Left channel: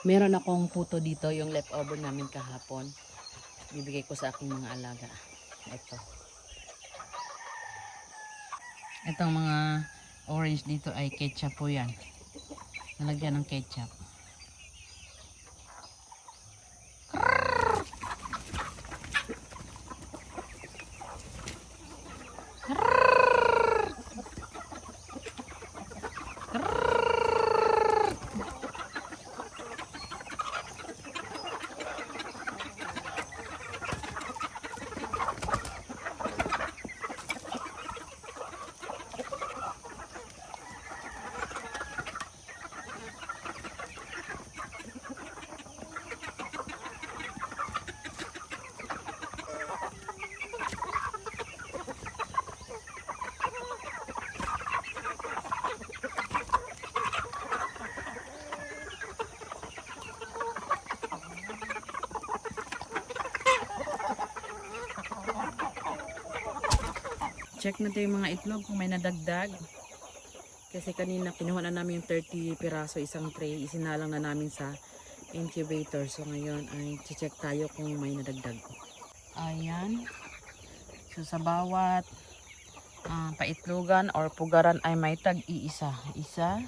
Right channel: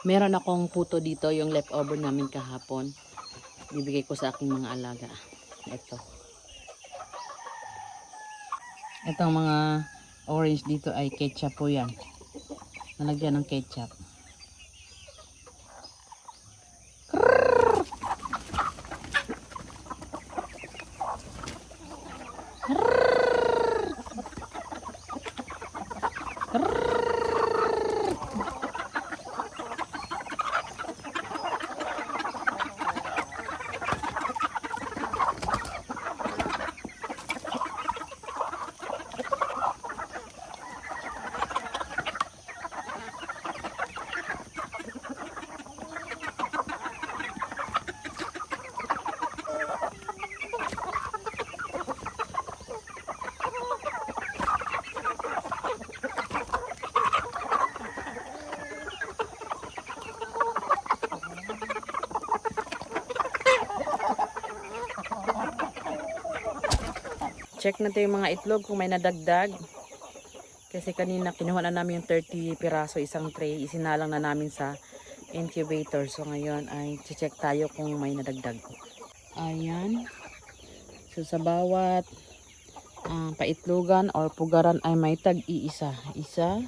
Meron akong puto dito, yung leftover namin kahapon. Bibigay ko sa aking mga alaga. Ito. Itong mga orange dito ay ketchup po yan. Nalagyan ng ketchup. Check natin yung mga itlog kung may nadagdag. Kasi kanina kinuha na namin yung 30 piraso isang tray. Isinalang na namin sa incubator. So ngayon ay check tayo kung may nadagdag. Ayan. So sa bawat paitlogan or pugaran ay may tag-iisa. Isa.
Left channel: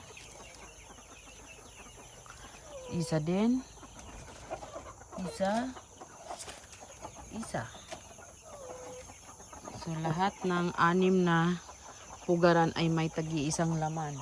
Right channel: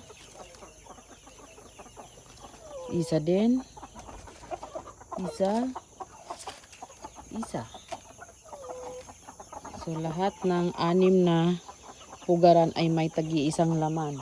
Isa din. Isa. Isa. So lahat ng 6 na pugaran ay may tag-iisang laman.